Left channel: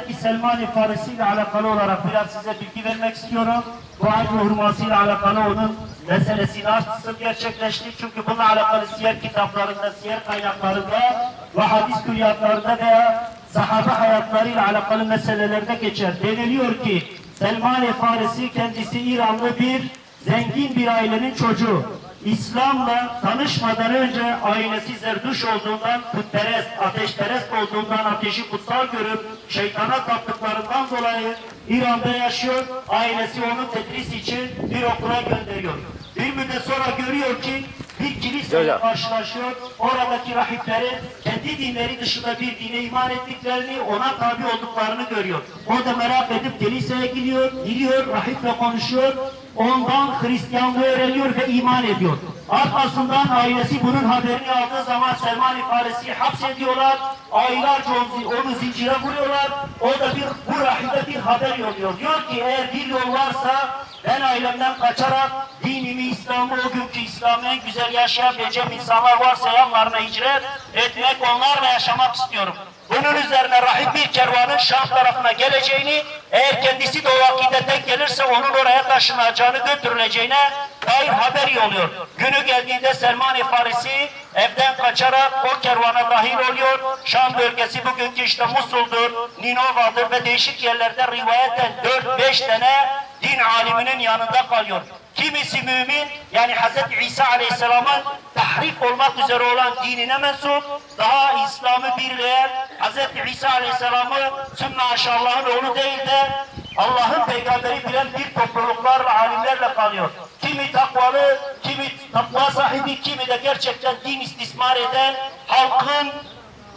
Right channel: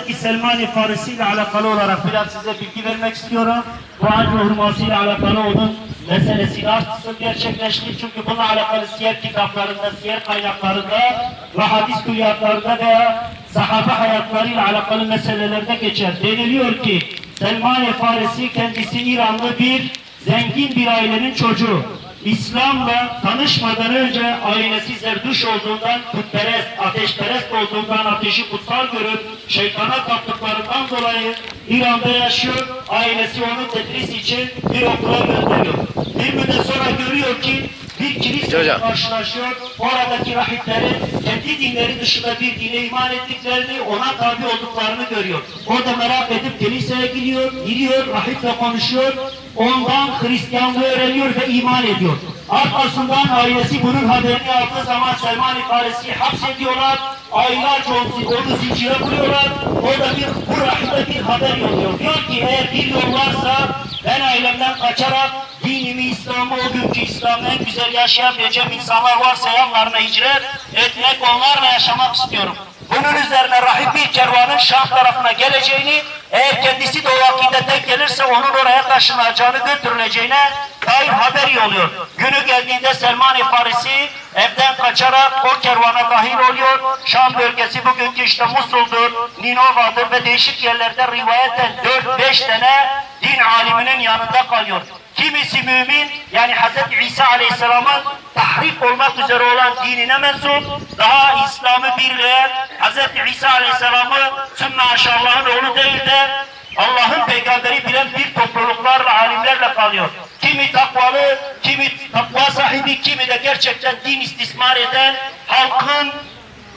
Hazreti Selman-ı Farisi ile alakalı olarak biraz size bilgi vermek istiyorum. Bu acı hurması ile alakalı onun meselesini açsın gerçekleşti. Çünkü bununla alakalı siyer kitaplarında, siyer kaynaklarında ve hadis külliyatlarında veya sahabe hayatlarıyla alakalı meselelerde geçer. Deniliyor ki Selman-ı Farisi kendisi İranlı bir zengin bir ailenin çocuğu. İslam'la tanışmadan önce ailesi zerduş olduğundan, putperest, ateşperest olduğundan ateşi kutsal görüp şeytana taptıklarından dolayı İran'da yaşıyor. Ailesi onu tedris için bir okula gönderiyor. Bir müddet sonra görüyor ki bir kiliseyle karşılaşıyor. Oradaki rahiplerin kendi dinleri dışında bir dine iman ettiklerini, ona tabi olduklarını görüyor. O da merak edip kiliseye giriyor, giriyor, rahiple konuşuyor. Ondan Hristiyanlığı öğreniyor ve iman ediyor. Arkasından ailesi bunun haberini aldığı zaman Selman-ı Farisi'yi hapsediyorlar. Aylarca onu, zincire vuruyorlar. O da bir, bu rahibe bir haber yolluyor. Diyor ki eğer bir yol varsa ben ailemden kaçarak dinimi, İslam'ı, o günkü İslam'ı en güzel yaşayabileceğim insanlar varsa yanlarına hicret etmek, onlarla yaşamak istiyorum. Bunun üzerine rahip bir kervanın Şam tarafına geleceğini, eğer kendisi de o vakitte denk gelirse onun oraya taşınacağını götürüleceğine dair haber yolluyor. Günü geldiğinde Selman-ı Farisi evden kaçarak o kervana dahil oluyor. Şam bölgesi bugünkü işte Musul'dur, Ninova'dır ve değişik yerlerde rivayeten 4-5 tane din aliminin yanında kalıyor. Kimisi mümin yani Hz. İsa Aleyhisselam'ın tahrif olmak üzere olan dinine mensup, daha İslam'ı birleyen Hz. İsa Aleyhisselam'ı sümme aşallahın oğlu değil de Allah'ın peygamberi bilen bir topluluklarla, alimlerle kalıyor. Kimi takvalı, kimi takva sahibi, kimi de gerçekten din istismar eden, halkın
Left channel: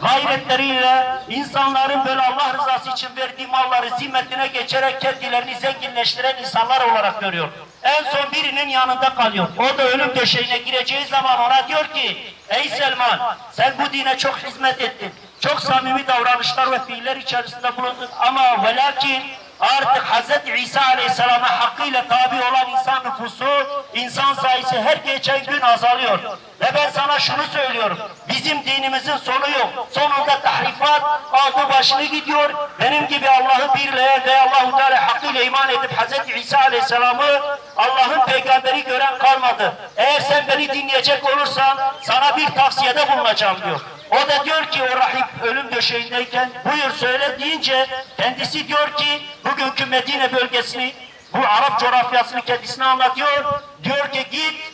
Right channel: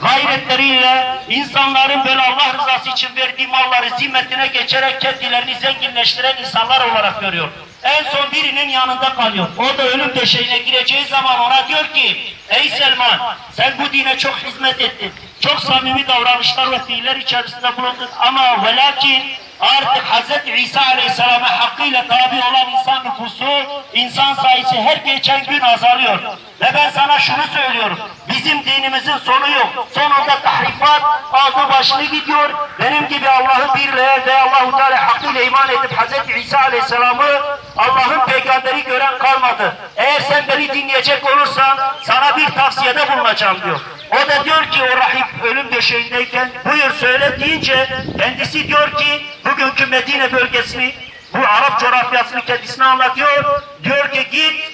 gayretleriyle insanların böyle Allah rızası için verdiği malları zimmetine geçerek kendilerini zenginleştiren insanlar olarak görüyor. En son birinin yanında kalıyor. O da ölüm döşeğine gireceği zaman ona diyor ki Ey Selman sen bu dine çok hizmet ettin. Çok samimi davranışlar ve fiiller içerisinde bulundun ama ve lakin artık Hz. İsa Aleyhisselam'a hakkıyla tabi olan insan nüfusu, insan sayısı her geçen gün azalıyor. Ve ben sana şunu söylüyorum. Bizim dinimizin sonu yok. Sonunda tahrifat aldı başını gidiyor. Benim gibi Allah'ı birleyen ve Allah-u Teala hakkıyla iman edip Hz. İsa Aleyhisselam'ı Allah'ın peygamberi gören kalmadı. Eğer sen beni dinleyecek olursan sana bir tavsiyede bulunacağım diyor. O da diyor ki o rahip ölüm döşeğindeyken buyur söyle deyince kendisi diyor ki bugünkü Medine bölgesini bu Arap coğrafyasını kendisine anlatıyor. Diyor ki git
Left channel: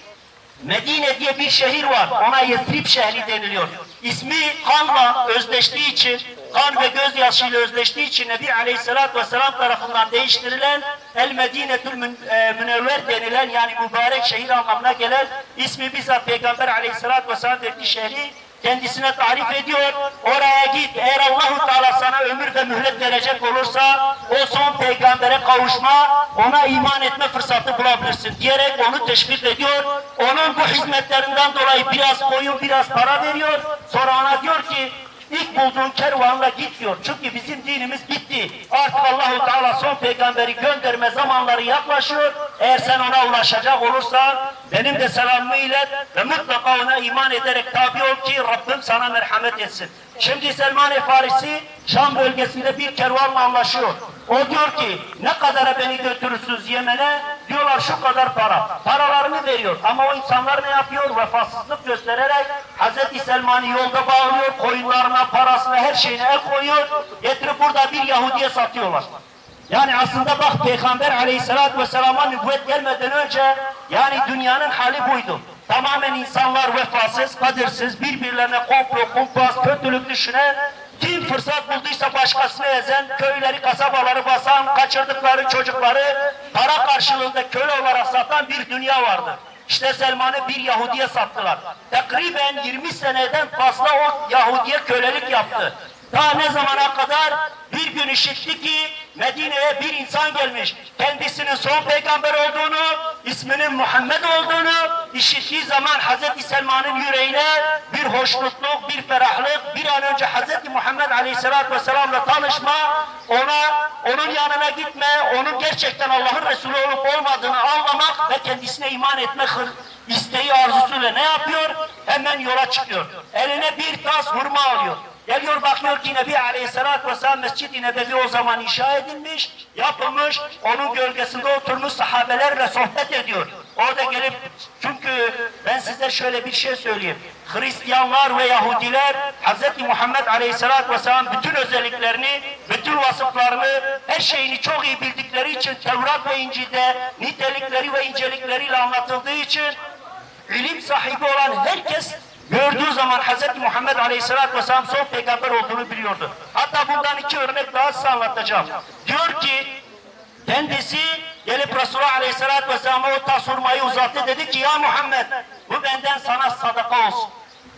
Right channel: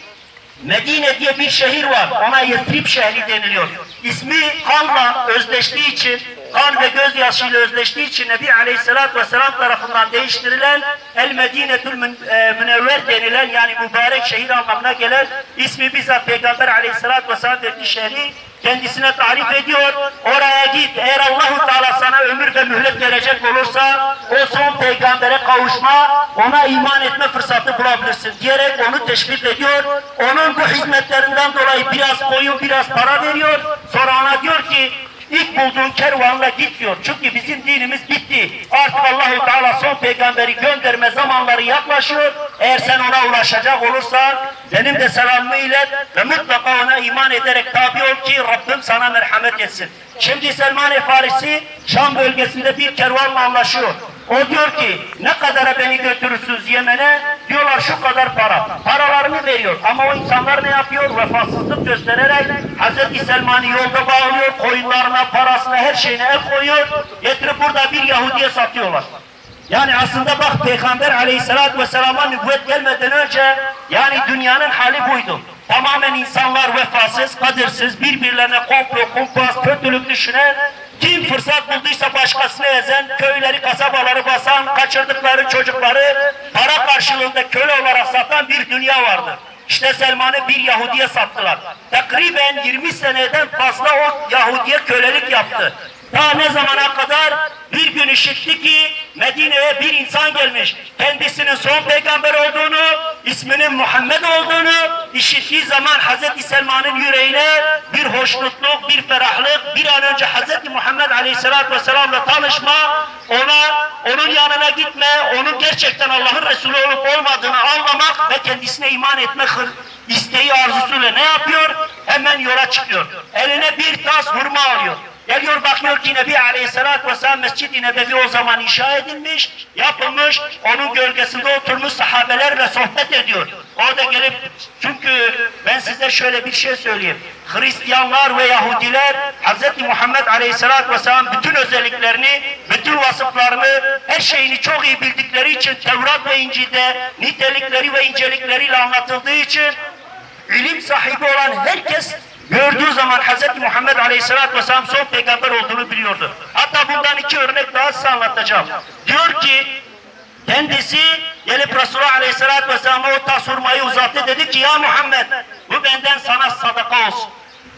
Medine diye bir şehir var. Ona Yesrib şehri deniliyor. İsmi kanla özdeştiği için, kan ve gözyaşıyla özdeştiği için Nebi Aleyhisselatü Vesselam tarafından değiştirilen El Medinetül Mün- e, Münevver denilen yani mübarek şehir anlamına gelen ismi bizzat Peygamber Aleyhisselatü Vesselam verdiği şehri kendisine tarif ediyor. Oraya git. Eğer Allahu Teala sana ömür ve mühlet verecek olursa o son peygambere kavuşma, ona iman etme fırsatı bulabilirsin diyerek onu teşvik ediyor. Onun bu hizmetlerinden dolayı biraz koyun, biraz para veriyor. Sonra ona diyor ki İlk bulduğun kervanla git diyor. Çünkü bizim dinimiz bitti. Artık Allahu Teala son peygamberi gönderme zamanları yaklaşıyor. Eğer sen ona ulaşacak olursan benim de selamımı ilet ve mutlaka ona iman ederek tabi ol ki Rabbim sana merhamet etsin. Şimdi Selman-ı Farisi Şam bölgesinde bir kervanla anlaşıyor. O diyor ki ne kadara beni götürürsünüz Yemen'e? Diyorlar şu kadar para. Paralarını veriyor. Ama o insanlar ne yapıyor? Vefasızlık göstererek Hz. Selman'ı yolda bağlıyor. Koyunlarına, parasına, her şeyine el koyuyor. Getirip burada bir Yahudi'ye satıyorlar. Yani aslında bak Peygamber aleyhissalatü vesselama nübüvvet gelmeden önce yani dünyanın hali buydu. Tamamen insanlar vefasız, kadirsiz, birbirlerine komplo, kumpas, kötülük düşünen, kim fırsat bulduysa başkasını ezen, köyleri, kasabaları basan, kaçırdıkları çocukları para karşılığında köle olarak satan bir dünya vardı. İşte Selman'ı bir Yahudi'ye sattılar. Takriben 20 seneden fazla o Yahudi'ye kölelik yaptı. Ta ne zamana kadar bir gün işitti ki Medine'ye bir insan gelmiş. Kendisinin son peygamber olduğunu, isminin Muhammed olduğunu işittiği zaman Hz. Selman'ın yüreğine hoşnutluk, bir ferahlık, bir an önce Hz. Muhammed Aleyhisselatü Vesselam'la tanışma, ona, onun yanına gitme, onun gerçekten Allah'ın Resulü olup olmadığını anlamak ve kendisine iman etme isteği arzusuyla ne yapıyor? Hemen yola çıkıyor. Eline bir tas hurma alıyor. Geliyor bakıyor ki Nebi Aleyhisselatü Vesselam Mescid-i Nebevi o zaman inşa edilmiş, yapılmış. Onun gölgesinde oturmuş sahabelerle sohbet ediyor. Orada gelip çünkü ben size şöyle bir şey söyleyeyim. Hristiyanlar ve Yahudiler Hz. Muhammed Aleyhisselatü Vesselam bütün özelliklerini, bütün vasıflarını, her şeyini çok iyi bildikleri için Tevrat ve İncil'de nitelikleri ve incelikleriyle anlatıldığı için ilim sahibi olan herkes gördüğü zaman Hz. Muhammed Aleyhisselatü Vesselam son peygamber olduğunu biliyordu. Hatta bundan iki örnek daha size anlatacağım. Diyor ki kendisi gelip Resulullah Aleyhisselatü Vesselam'a o tas hurmayı uzattı dedi ki ya Muhammed bu benden sana sadaka olsun.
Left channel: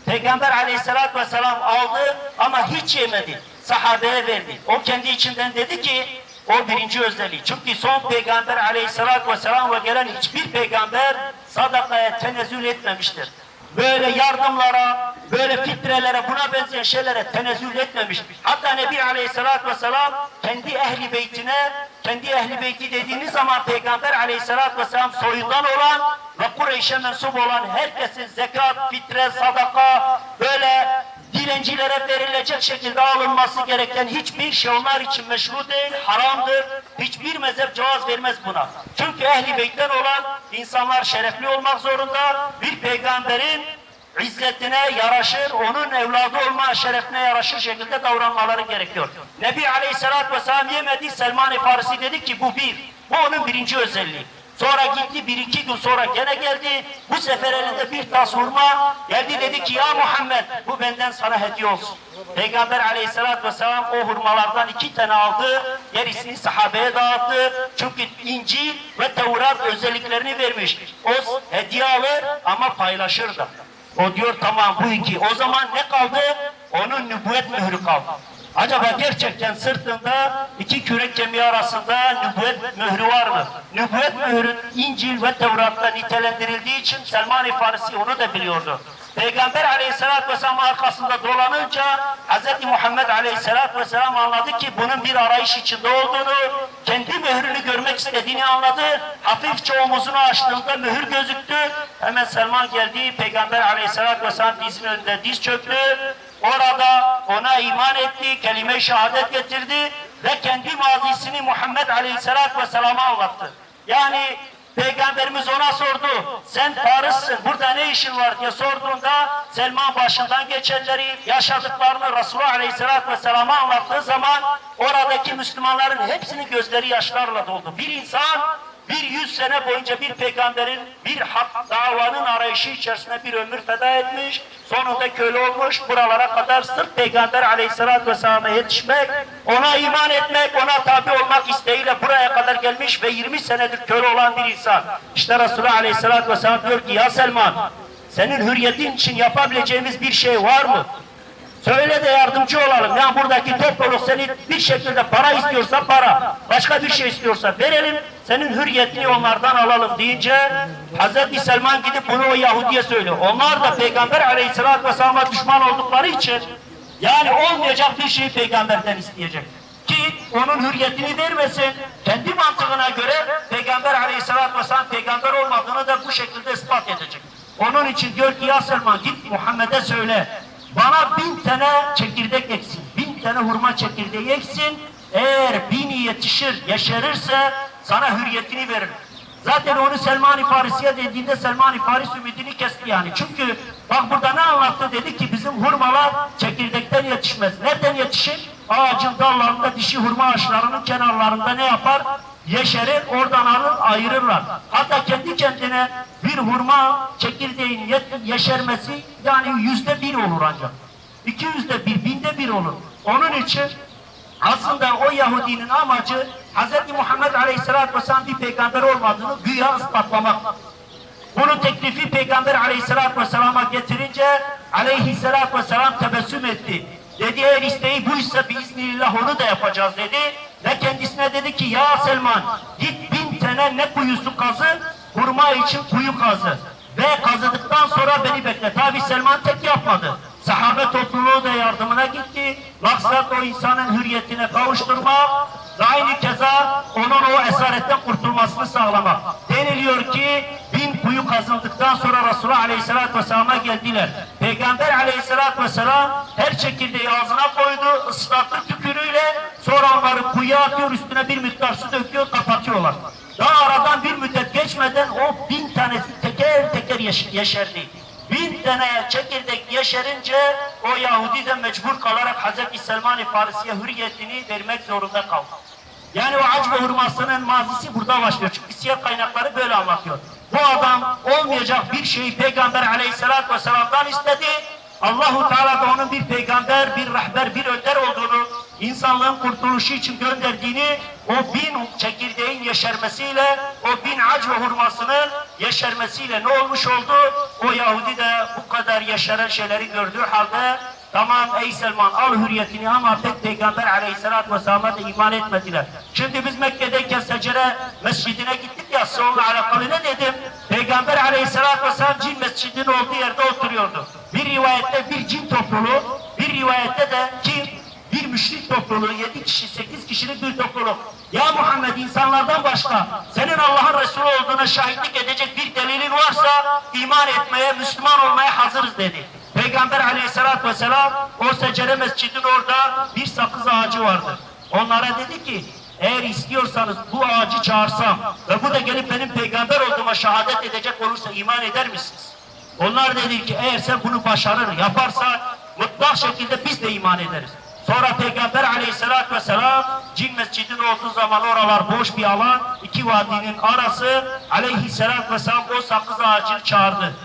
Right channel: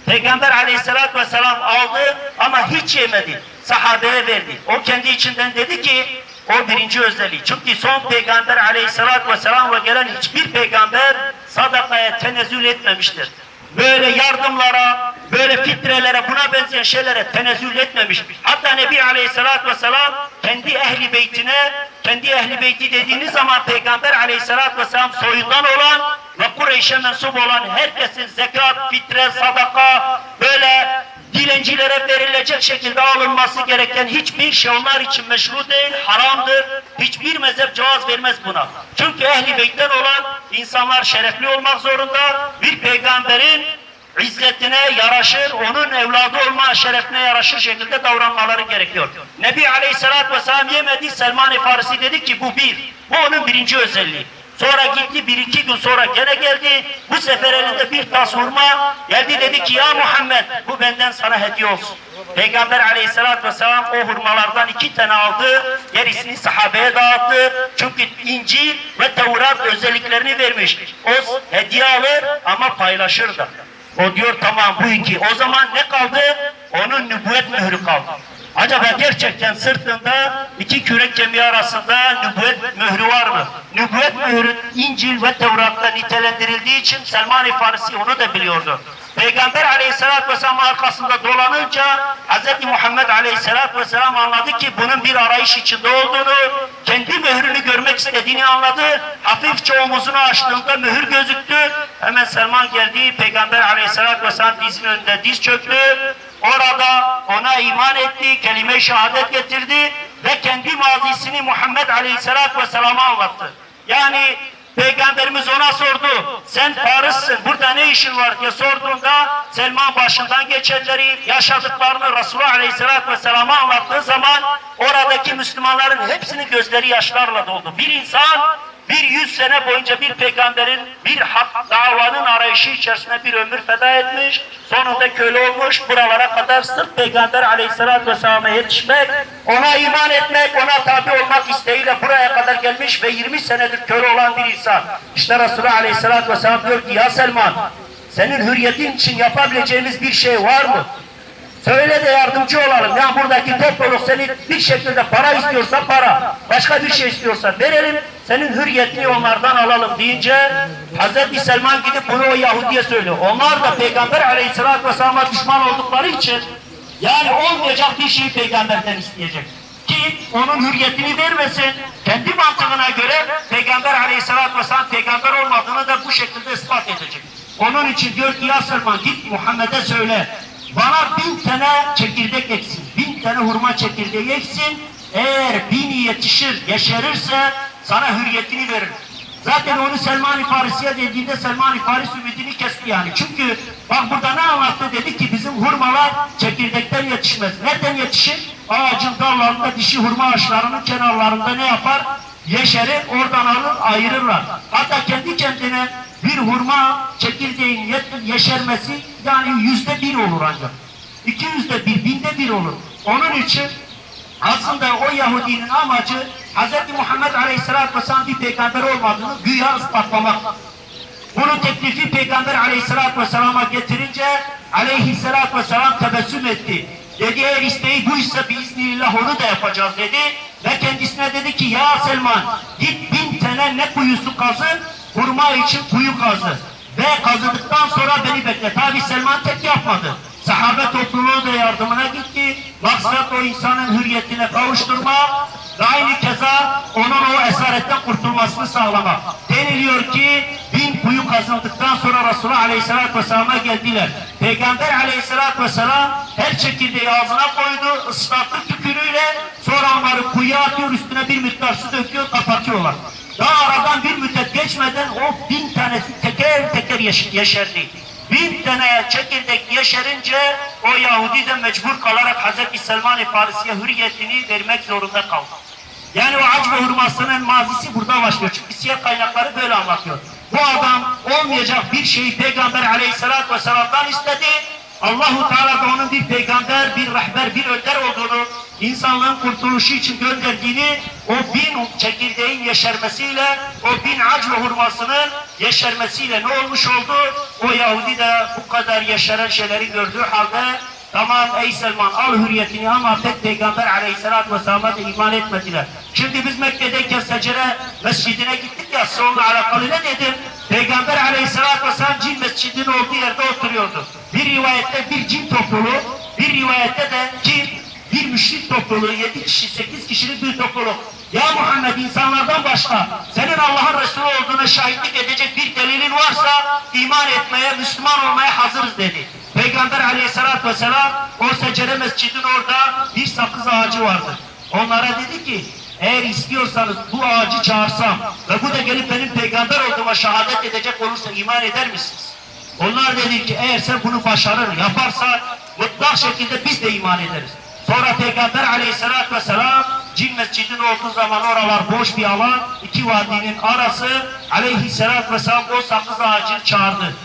Peygamber Aleyhisselatü Vesselam aldı ama hiç yemedi. Sahabeye verdi. O kendi içinden dedi ki o birinci özelliği. Çünkü son peygamber Aleyhisselatü Vesselam ve gelen hiçbir peygamber sadakaya tenezzül etmemiştir. Böyle yardımlara, böyle fitrelere, buna benzeyen şeylere tenezzül etmemiş. Hatta Nebi Aleyhisselatü Vesselam kendi ehli beytine, kendi ehli beyti dediğiniz zaman Peygamber Aleyhisselatü Vesselam soyundan olan ve Kureyş'e mensup olan herkesin zekat, fitre, sadaka, böyle dilencilere verilecek şekilde alınması gereken hiçbir şey onlar için meşru değil, haramdır. Hiçbir mezhep cevaz vermez buna. Çünkü ehli beytten olan insanlar şerefli olmak zorunda. Bir peygamberin izzetine yaraşır, onun evladı olma şerefine yaraşır şekilde davranmaları gerekiyor. Nebi Aleyhisselatü Vesselam yemedi, Selman-ı Farisi dedi ki bu bir. Bu onun birinci özelliği. Sonra gitti bir iki gün sonra gene geldi. Bu sefer elinde bir tas hurma. Geldi dedi ki ya Muhammed bu benden sana hediye olsun. Peygamber aleyhissalatü vesselam o hurmalardan iki tane aldı. Gerisini sahabeye dağıttı. Çünkü İncil ve Tevrat özelliklerini vermiş. O hediye alır ama paylaşır da. O diyor tamam bu iki. O zaman ne kaldı? Onun nübüvvet mührü kaldı. Acaba gerçekten sırtında iki kürek kemiği arasında nübüvvet mührü var mı? Nübüvvet mührü İncil ve Tevrat'ta nitelendirildiği için Selman-ı Farisi onu da biliyordu. Peygamber aleyhissalatü vesselam arkasında dolanınca Hz. Muhammed aleyhissalatü vesselam anladı ki bunun bir arayış içinde olduğunu, kendi mührünü görmek istediğini anladı. Hafifçe omuzunu açtığında mühür gözüktü. Hemen Selman geldi, Peygamber aleyhissalatü vesselam dizinin önünde diz çöktü. Orada ona iman etti, kelime-i şehadet getirdi ve kendi mazisini Muhammed Aleyhisselatü Vesselam'a anlattı. Yani Peygamberimiz ona sordu, sen Faris'sin, burada ne işin var diye sorduğunda Selman başından geçenleri, yaşadıklarını Resulullah Aleyhisselatü Vesselam'a anlattığı zaman oradaki Müslümanların hepsinin gözleri yaşlarla doldu. Bir insan bir yüz sene boyunca bir peygamberin bir hak davanın arayışı içerisinde bir ömür feda etmiş, sonunda köle olmuş, buralara kadar sırf peygamber aleyhissalatü vesselam'a yetişmek, ona iman etmek, ona tabi olmak isteğiyle buraya kadar gelmiş ve 20 senedir köle olan bir insan. İşte Resulullah aleyhissalatü vesselam diyor ki ya Selman, senin hürriyetin için yapabileceğimiz bir şey var mı? Söyle de yardımcı olalım. Ya buradaki topluluk seni bir şekilde para istiyorsa para, başka bir şey istiyorsa verelim, senin hürriyetini onlardan alalım deyince Hz. Selman gidip bunu o Yahudi'ye söylüyor. Onlar da Peygamber Aleyhisselatü Vesselam'a düşman oldukları için yani olmayacak bir şeyi peygamberden isteyecek. Ki onun hürriyetini vermesin, kendi mantığına göre Peygamber Aleyhisselatü Vesselam peygamber olmadığını da bu şekilde ispat edecek. Onun için diyor ki ya Selman git Muhammed'e söyle, bana bin tane çekirdek eksin, bin tane hurma çekirdeği eksin. Eğer bini yetişir, yeşerirse sana hürriyetini verir. Zaten onu Selman-ı Farisi'ye dediğinde Selman-ı Faris ümidini kesti yani. Çünkü bak burada ne anlattı dedi ki bizim hurmalar çekirdekten yetişmez. Nereden yetişir? Ağacın dallarında dişi hurma ağaçlarının kenarlarında ne yapar? Yeşerir, oradan alır, ayırırlar. Hatta kendi kendine bir hurma çekirdeğin ye- yeşermesi yani yüzde bir olur ancak. İki yüzde bir, binde bir olur. Onun için aslında o Yahudinin amacı Hz. Muhammed Aleyhisselatü Vesselam bir peygamber olmadığını güya ispatlamak. Bunu teklifi Peygamber Aleyhisselatü Vesselam'a getirince Aleyhisselatü Vesselam tebessüm etti. Dedi eğer isteği buysa biiznillah onu da yapacağız dedi. Ve kendisine dedi ki ya Selman git bin tane ne kuyusu kazı hurma için kuyu kazı. Ve kazıdıktan sonra beni bekle. Tabi Selman tek yapmadı. Sahabe topluluğu da yardımına gitti. Maksat o insanın hürriyetine kavuşturmak ve aynı keza onun o esaretten kurtulmasını sağlamak. Deniliyor ki bin kuyu kazıldıktan sonra Resulullah Aleyhisselatü Vesselam'a geldiler. Peygamber Aleyhisselatü Vesselam her çekirdeği ağzına koydu, ıslattı tükürüğüyle sonra onları kuyuya atıyor, üstüne bir miktar su döküyor, kapatıyorlar. Daha aradan bir müddet geçmeden o bin tanesi teker teker yeş yeşerdi. Bin tane çekirdek yeşerince o Yahudi de mecbur kalarak Hazreti Selman-ı Farisi'ye hürriyetini vermek zorunda kaldı. Yani o aç ve hurmasının mazisi burada başlıyor. Çünkü siyer kaynakları böyle anlatıyor. Bu adam olmayacak bir şeyi Peygamber aleyhissalatü vesselam'dan istedi. Allahu Teala da onun bir peygamber, bir rehber, bir önder olduğunu, insanlığın kurtuluşu için gönderdiğini, o bin çekirdeğin yeşermesiyle, o bin ac ve hurmasının yeşermesiyle ne olmuş oldu? O Yahudi de bu kadar yeşeren şeyleri gördüğü halde Tamam ey Selman al hürriyetini ama pek peygamber aleyhissalatü vesselam'a da iman etmediler. Şimdi biz Mekke'deyken secere mescidine gittik ya sonra alakalı ne dedim? Peygamber aleyhissalatü vesselam cin mescidinin olduğu yerde oturuyordu. Bir rivayette bir cin topluluğu, bir rivayette de cin bir müşrik topluluğu, yedi kişi, sekiz kişilik bir topluluk. Ya Muhammed insanlardan başka senin Allah'ın Resulü olduğuna şahitlik edecek bir delilin varsa iman etmeye, Müslüman olmaya hazırız dedi. Peygamber aleyhissalatü vesselam o secere mescidin orada bir sakız ağacı vardı. Onlara dedi ki eğer istiyorsanız bu ağacı çağırsam ve bu da gelip benim peygamber olduğuma şehadet edecek olursa iman eder misiniz? Onlar dedi ki eğer sen bunu başarır yaparsa mutlak şekilde biz de iman ederiz. Sonra Peygamber aleyhissalatü vesselam cin mescidin olduğu zaman oralar boş bir alan, iki vadinin arası aleyhissalatü vesselam o sakız ağacını çağırdı.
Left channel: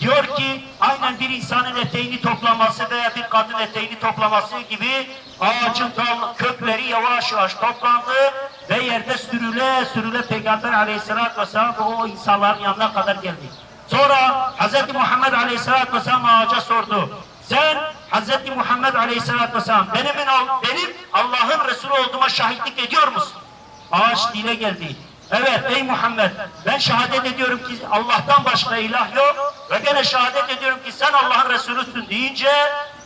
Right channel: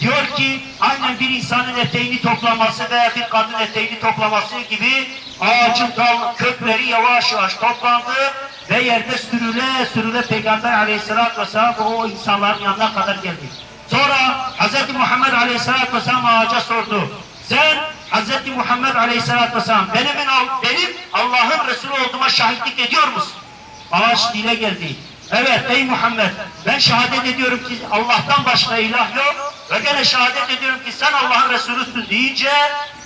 Diyor ki aynen bir insanın eteğini toplaması veya bir kadın eteğini toplaması gibi ağacın kökleri yavaş yavaş toplandı ve yerde sürüle sürüle Peygamber aleyhissalatü vesselam o insanların yanına kadar geldi. Sonra Hz. Muhammed aleyhissalatü vesselam ağaca sordu. Sen Hz. Muhammed aleyhissalatü vesselam benim, benim Allah'ın Resulü olduğuma şahitlik ediyor musun? Ağaç dile geldi. Evet ey Muhammed ben şehadet ediyorum ki Allah'tan başka ilah yok ve gene şehadet ediyorum ki sen Allah'ın Resulüsün deyince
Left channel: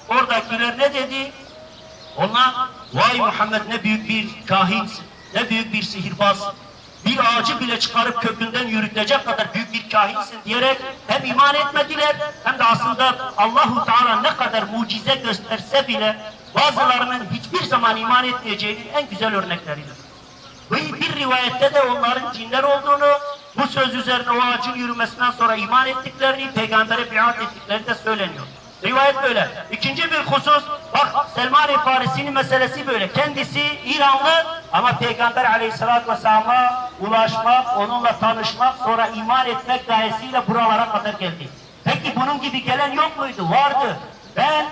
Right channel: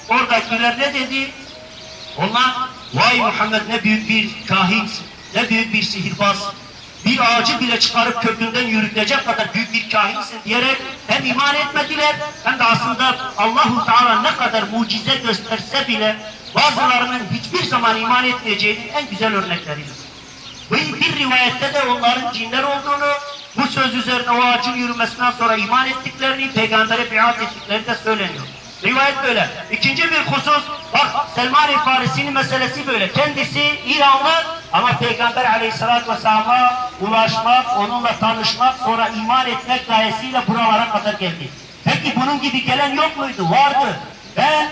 oradakiler ne dedi? Onlar vay Muhammed ne büyük bir kahinsin, ne büyük bir sihirbaz, bir ağacı bile çıkarıp kökünden yürütecek kadar büyük bir kahinsin diyerek hem iman etmediler hem de aslında Allahu Teala ne kadar mucize gösterse bile bazılarının hiçbir zaman iman etmeyeceğinin en güzel örnekleridir. Ve bir rivayette de onların cinler olduğunu, bu söz üzerine o ağacın yürümesinden sonra iman ettiklerini, peygambere biat ettikleri de söyleniyor. Rivayet böyle. İkinci bir husus, bak Selman-ı meselesi böyle. Kendisi İranlı ama Peygamber aleyhissalatü vesselam'a ulaşmak, onunla tanışmak, sonra iman etmek gayesiyle buralara kadar geldi. Peki bunun gibi gelen yok muydu? Vardı. Ben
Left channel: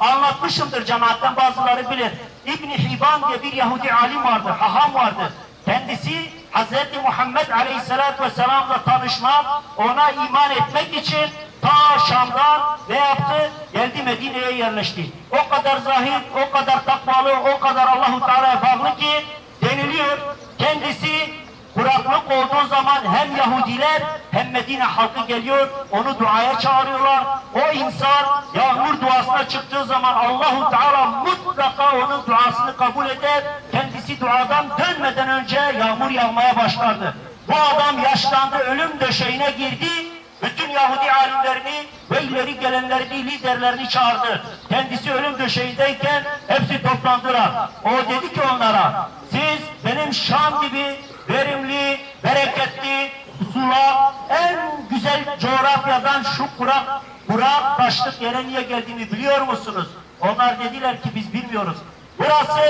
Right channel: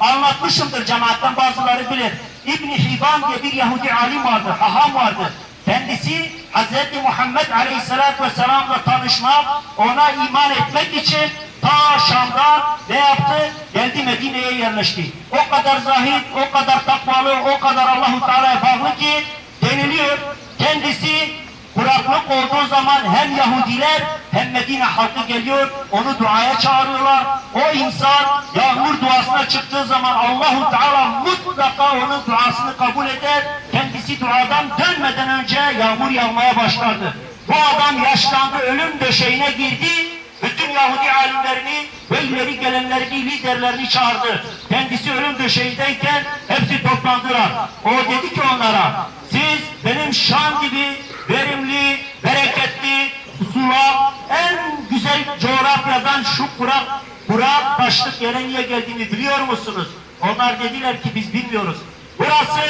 anlatmışımdır cemaatten bazıları bilir. İbn Hibban diye bir Yahudi alim vardı, haham vardı. Kendisi Hz. Muhammed Aleyhisselatü Vesselam'la tanışmak, ona iman etmek için ta Şam'dan ne yaptı? Geldi Medine'ye yerleşti. O kadar zahid, o kadar takvalı, o kadar Allahu Teala'ya bağlı ki deniliyor. Kendisi kuraklık olduğu zaman hem Yahudiler hem Medine halkı geliyor, onu duaya çağırıyorlar. O insan yağmur duasına çıktığı zaman Allahu Teala mutlaka onun duasını kabul eder. Kendisi duadan dönmeden önce yağmur yağmaya başlardı. Bu adam yaşlandı, ölüm döşeğine girdi. Bütün Yahudi alimlerini ve ileri gelenlerini, liderlerini çağırdı. Kendisi ölüm döşeğindeyken hepsi toplandılar. O dedi ki onlara, siz benim Şam gibi verimli, bereketli, sula, en güzel coğrafyadan şu kurak, kurak taşlık yere niye geldiğini biliyor musunuz? Onlar dediler ki biz bilmiyoruz. Burası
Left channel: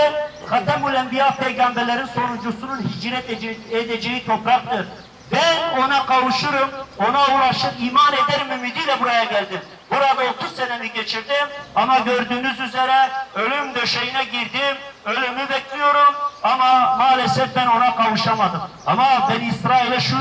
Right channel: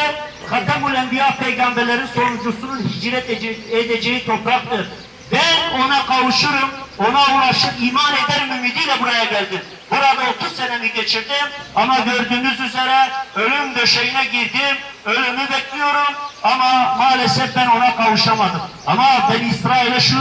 Hatemül Enbiya peygamberlerin sonuncusunun hicret ede- edeceği topraktır. Ben ona kavuşurum, ona ulaşır, iman ederim ümidiyle buraya geldim. Burada 30 senemi geçirdim ama gördüğünüz üzere ölüm döşeğine girdim, ölümü bekliyorum ama maalesef ben ona kavuşamadım. Ama ben İsrail'e şu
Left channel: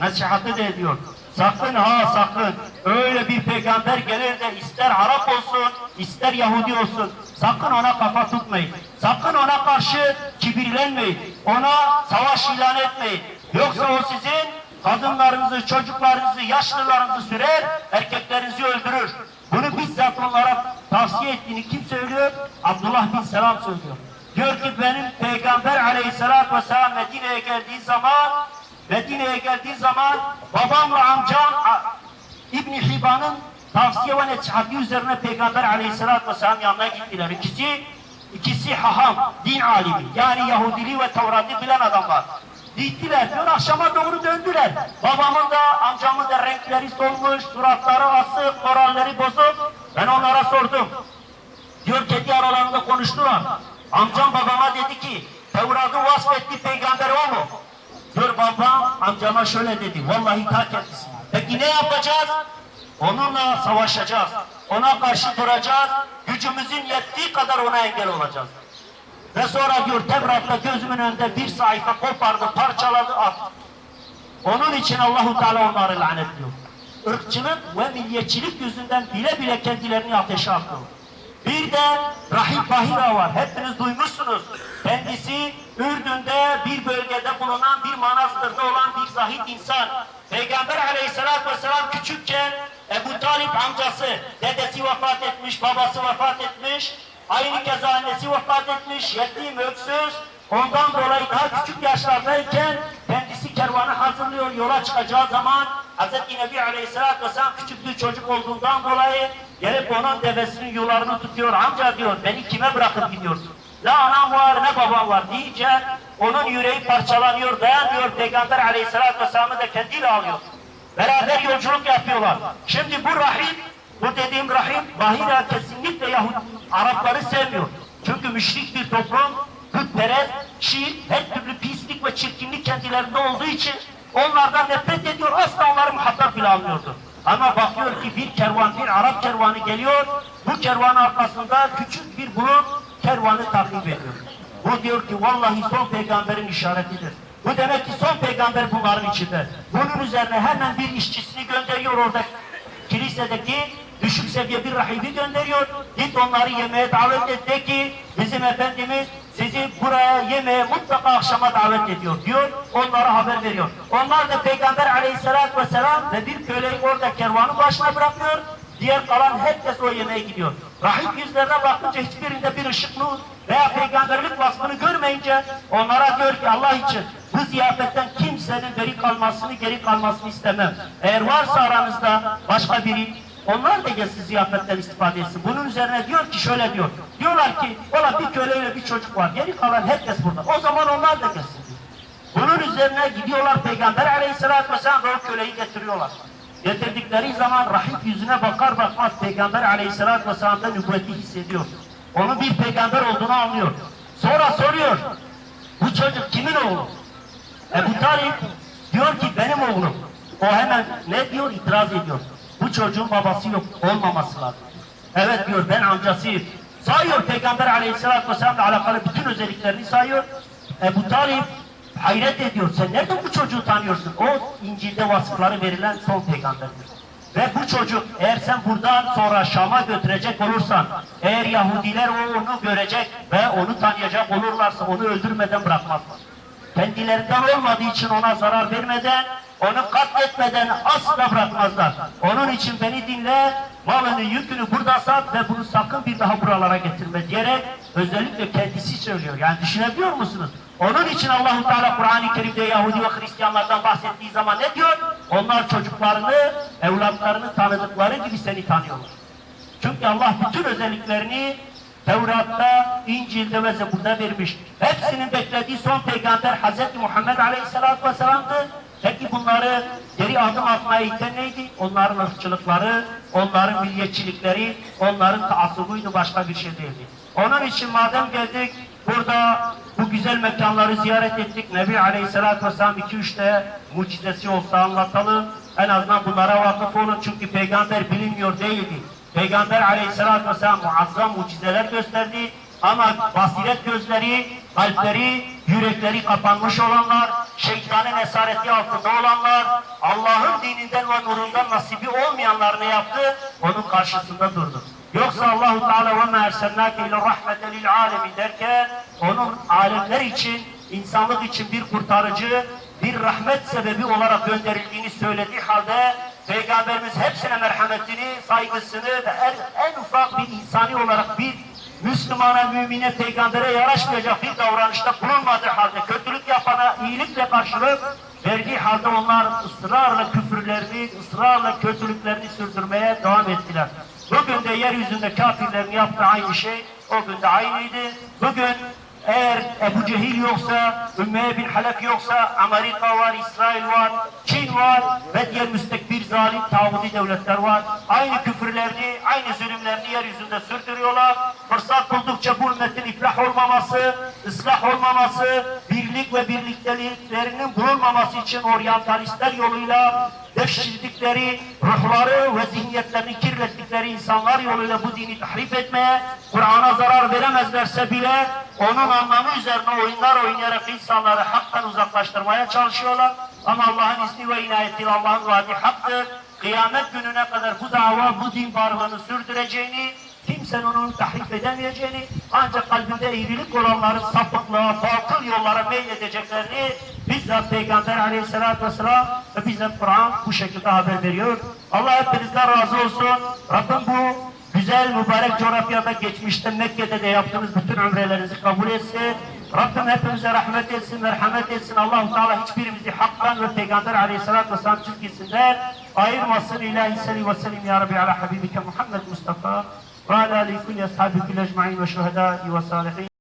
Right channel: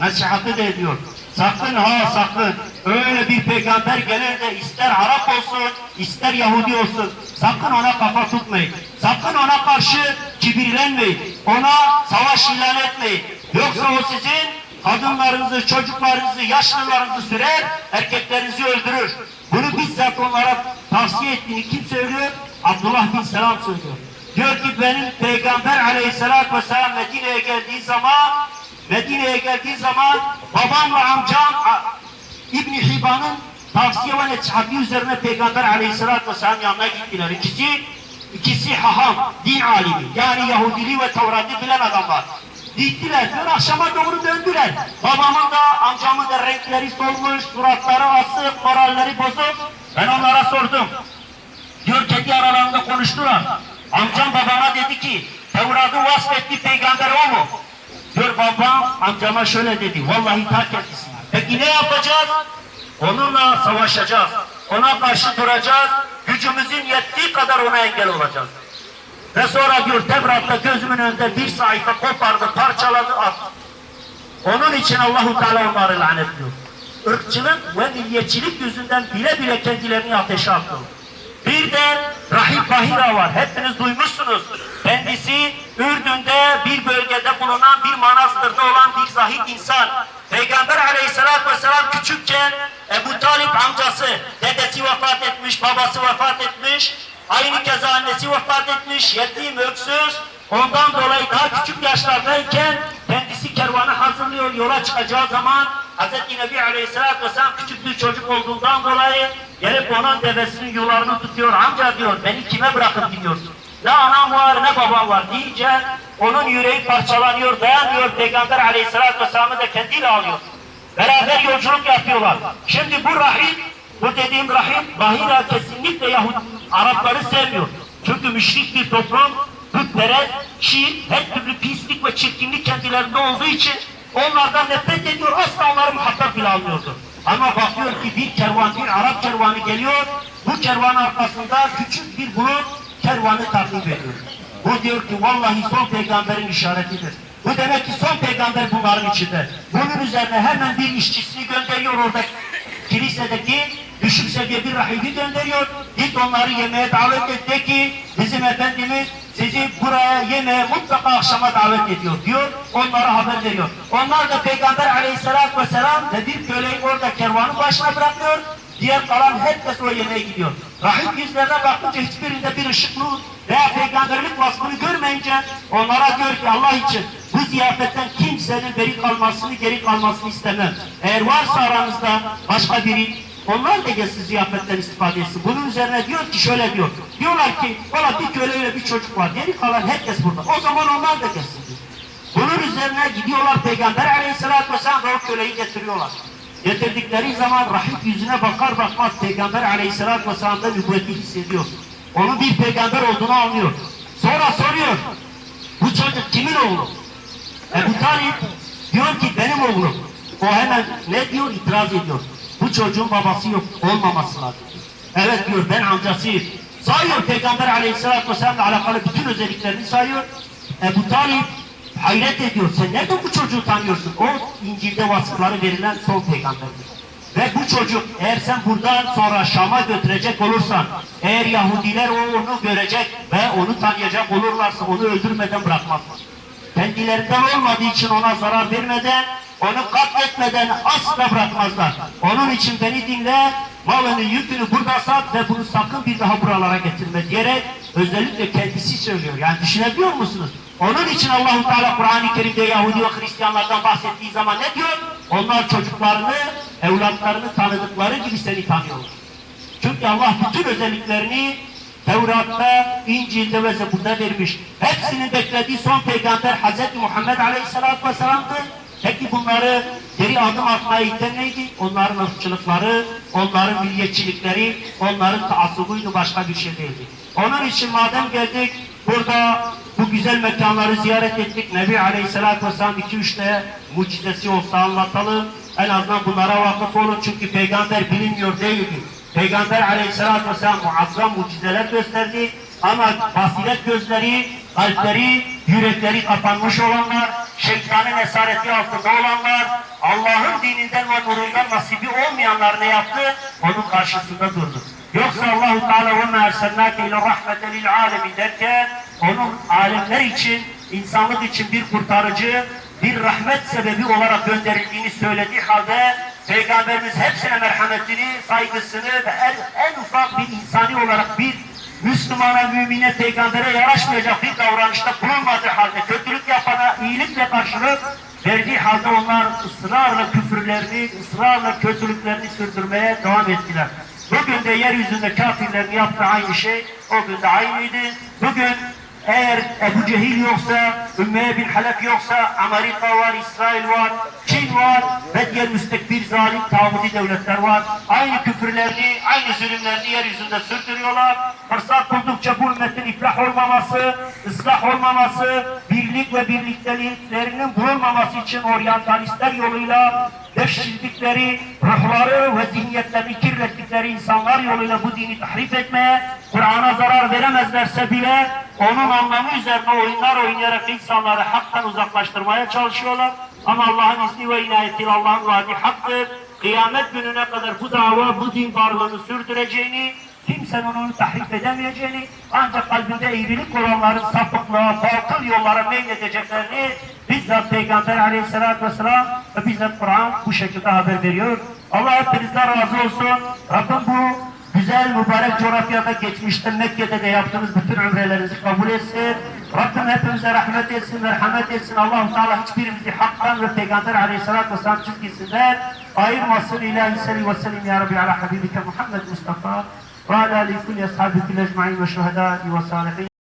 nasihatı da ediyor. Sakın ha sakın öyle bir peygamber gelir de ister Arap olsun ister Yahudi olsun sakın ona kafa tutmayın. Sakın ona karşı kibirlenmeyin. Ona savaş ilan etmeyin. Yoksa o sizin kadınlarınızı, çocuklarınızı, yaşlılarınızı sürer, erkeklerinizi öldürür. Bunu bizzat onlara tavsiye ettiğini kim söylüyor? Abdullah bin Selam söylüyor. Diyor ki benim Peygamber aleyhissalatü vesselam Medine'ye geldiği zaman Medine'ye geldiği zaman babamla amcam a- İbn Hibban'ın tavsiye ve nasihatı üzerine Peygamber aleyhissalatü vesselam yanına gittiler. İkisi ikisi haham, din alimi. Yani Yahudiliği ve Tevrat'ı bilen adamlar. Gittiler, diyor akşama doğru döndüler. Babamın da amcamın da renkleri solmuş, suratları asık, moralleri bozuk. Ben onlara sordum. Diyor kendi aralarında konuştular. Amcam babama dedi ki Tevrat'ı vasfetti peygamber o mu? Babam amcama şöyle dedi. Vallahi ta kendisi. Peki ne yapacağız? Onunla savaşacağız. Ona karşı duracağız. Gücümüzün yettiği kadar ona engel olacağız. Ve sonra diyor Tevrat'ta gözümün önünde bir sayfa kopardı, parçaladı, attı. Onun için Allahu Teala onları lanetliyor. Irkçılık ve milliyetçilik yüzünden bile bile kendilerini ateşe atıyor. Bir de Rahip Bahira var. Hepiniz duymuşsunuz. Kendisi Ürdün'de bir bölgede bulunan bir manastırda olan bir zahid insan. Peygamber aleyhissalatü vesselam küçükken Ebu Talip amcası, dedesi vefat etmiş, babası vefat etmiş. Aynı keza annesi vefat etmiş, yetim, öksüz. Ondan dolayı daha küçük yaşlardayken kendisi kervanı hazırlıyor yola çıkacağı zaman Hz. Nebi Aleyhisselatü Vesselam küçük bir çocuk olduğundan dolayı gelip onun devesinin yularını tutuyor. Amca diyor beni kime bırakıp gidiyorsun? Ne anam var ne babam var deyince onun yüreği parçalanıyor dayanmıyor Peygamber Aleyhisselatü Vesselam'ı da kendiyle alıyor. Beraber yolculuk yapıyorlar. Şimdi bu rahip, bu dediğim rahip Bahira kesinlikle Yahudi Arapları sevmiyor. Çünkü müşrik bir toplum putperest, şiir, her türlü pislik ve çirkinlik kendilerinde olduğu için onlardan nefret ediyor. Asla onları muhatap bile almıyordu. Ama bakıyor ki bir kervan, bir Arap kervanı geliyor. Bu kervan arkasında küçük bir bulut kervanı takip ediyor. Bu diyor ki vallahi son peygamberin işaretidir. Bu demek ki son peygamber bunların içinde. Bunun üzerine hemen bir işçisini gönderiyor orada kilisedeki düşük seviye bir rahibi gönderiyor. Git onları yemeğe davet et de ki bizim Efendimiz sizi buraya yemeğe mutlaka akşama davet ediyor diyor. Onlara haber veriyor. Onlar da Peygamber aleyhissalatü vesselam ve bir köleyi orada kervanın başına bırakıyor. Diğer kalan herkes o yemeğe gidiyor. Rahip yüzlerine bakınca hiçbirinde bir ışık nur veya peygamberlik vasfını görmeyince onlara diyor ki Allah için bu ziyafetten kimsenin beri kalmasını, geri kalmasını istemem. Eğer varsa aranızda başka biri onlar da gelsin ziyafetten istifade etsin. Bunun üzerine diyor ki şöyle diyor. Diyorlar ki valla bir köle ve bir çocuk var. Geri kalan herkes burada. O zaman onlar da gelsin diyor. Bunun üzerine gidiyorlar Peygamber aleyhissalatü vesselam ve o köleyi getiriyorlar. Getirdikleri zaman rahip yüzüne bakar bakmaz Peygamber aleyhissalatü vesselam'da nübüvveti hissediyor. Onun bir peygamber olduğunu anlıyor. Sonra soruyor. Bu çocuk kimin oğlu? Ebu Talip diyor ki benim oğlum. O hemen ne diyor? İtiraz ediyor. Bu çocuğun babası yok. Olmaması lazım. Evet diyor ben amcasıyım. Sayıyor Peygamber aleyhissalatü vesselam'la alakalı bütün özelliklerini sayıyor. Ebu Talip hayret ediyor. Sen nereden bu çocuğu tanıyorsun? O İncil'de vasıfları verilen son peygamberdir. Ve bu çocuk eğer sen buradan sonra Şam'a götürecek olursan, eğer Yahudiler onu görecek ve onu tanıyacak olurlarsa onu öldürmeden bırakmazlar. Kendilerinden olmadığı için ona zarar vermeden, onu katletmeden asla bırakmazlar. Onun için beni dinle, malını yükünü burada sat ve bunu sakın bir daha buralara getirme diyerek özellikle kendisi söylüyor. Yani düşünebiliyor musunuz? Onun için Allahu Teala Kur'an-ı Kerim'de Yahudi ve Hristiyanlardan bahsettiği zaman ne diyor? Onlar çocuklarını, evlatlarını tanıdıkları gibi seni tanıyorlar. Çünkü Allah bütün özelliklerini Tevrat'ta, İncil'de ve Zebur'da vermiş. Hepsinin beklediği son peygamber Hz. Muhammed Aleyhisselatü Vesselam'dı. Peki bunları geri adım atmaya iten neydi? Onların ırkçılıkları, onların milliyetçilikleri, onların taassubuydu başka bir şey değildi. Onun için madem geldik, burada bu güzel mekanları ziyaret ettik. Nebi Aleyhisselatü Vesselam 2-3 mucizesi olsa anlatalım. En azından bunlara vakıf olun çünkü peygamber bilinmiyor değildi. Peygamber aleyhissalatü vesselam muazzam mucizeler gösterdi. Ama basiret gözleri, kalpleri, yürekleri kapanmış olanlar, şeytanın esareti altında olanlar, Allah'ın dininden ve nurundan nasibi olmayanlar ne yaptı? Onun karşısında durdu. Yoksa Allahu Teala ve ma erselnake ile rahmeten lil alemin derken onun alemler için, insanlık için bir kurtarıcı, bir rahmet sebebi olarak gönderildiğini söylediği halde Peygamberimiz hepsine merhametini, saygısını ve en, en ufak bir insani olarak bir Müslümana, mümine, peygambere yaraşmayacak bir davranışta bulunmadığı halde kötülük yapana iyilikle karşılık verdiği halde onlar ısrarla küfürlerini, ısrarla kötülüklerini sürdürmeye devam ettiler. Bugün de yeryüzünde kafirlerin yaptığı aynı şey o gün de aynıydı. Bugün eğer Ebu Cehil yoksa, Ümmeye bin Halef yoksa, Amerika var, İsrail var, Çin var ve diğer müstekbir zalim tağuti devletler var. Aynı küfürlerini, aynı zulümlerini yeryüzünde sürdürüyorlar. Fırsat buldukça bu ümmetin iflah olmaması, ıslah olmaması, birlik ve birlikteliklerinin bulunmaması için oryantalistler yoluyla devşirdikleri ruhları ve zihniyetlerini kirlettikleri insanlar yoluyla bu dini tahrip etmeye, Kur'an'a zarar veremezlerse bile onun anlamı üzerine oyunlar oynayarak insanları haktan uzaklaştırmaya çalışıyorlar. Ama Allah'ın izni ve inayetiyle Allah'ın vaadi haktır. Kıyamet gününe kadar bu dava, bu din varlığını sürdüreceğini, kimsenin onu tahrip edemeyeceğini, ancak kalbinde eğrilik olanların sapıklığa, batıl yollara meyledeceklerini bizzat Peygamber aleyhissalatü vesselam ve bizzat Kur'an bu şekilde haber veriyor. Allah hepinizden razı olsun. Rabbim bu güzel mübarek coğrafyada geçmişte Mekke'de de yaptığınız bütün ömrelerinizi kabul etsin. Rabbim hepimize rahmet etsin, merhamet etsin. allah Teala hiçbirimizi haktan ve Peygamber aleyhissalatü vesselam çizgisinden ayırmasın. İlahi salli ve sellim ya Rabbi ala habibike Muhammed Mustafa ve ala alihi kulli ashabiki ecma'in ve şuhedai ve salihin.